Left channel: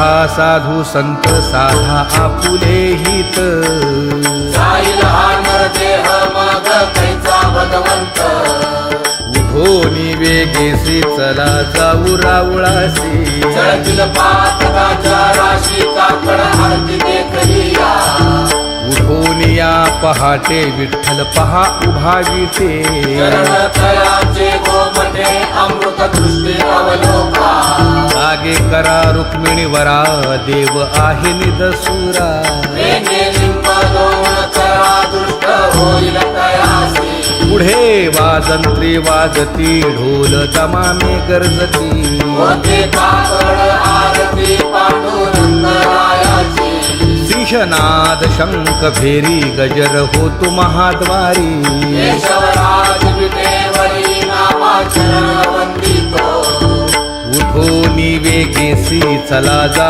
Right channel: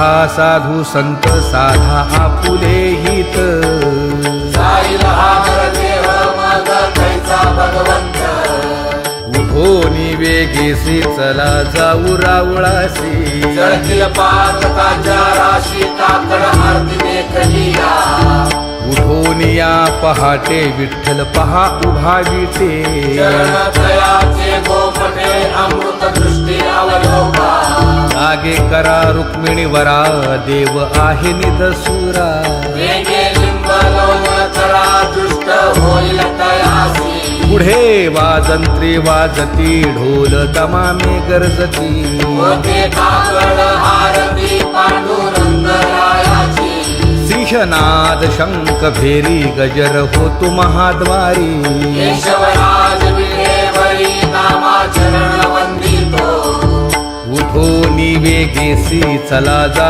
पहा साधू संत साधा आपुले हित उठोनी वेगेसी चला जाऊ रावळासी उठोनिया पहाटे विठ्ठल पहा उभा विटे जागे करा रुक्मिणी वरा देव आहे निदसुरा पुढे वाजंत्री वाजती ढोल दमामे गरजती सिंहनाद शंख भेरी गजर होतो महाद्वारी उठोनी वेगेसी चला जा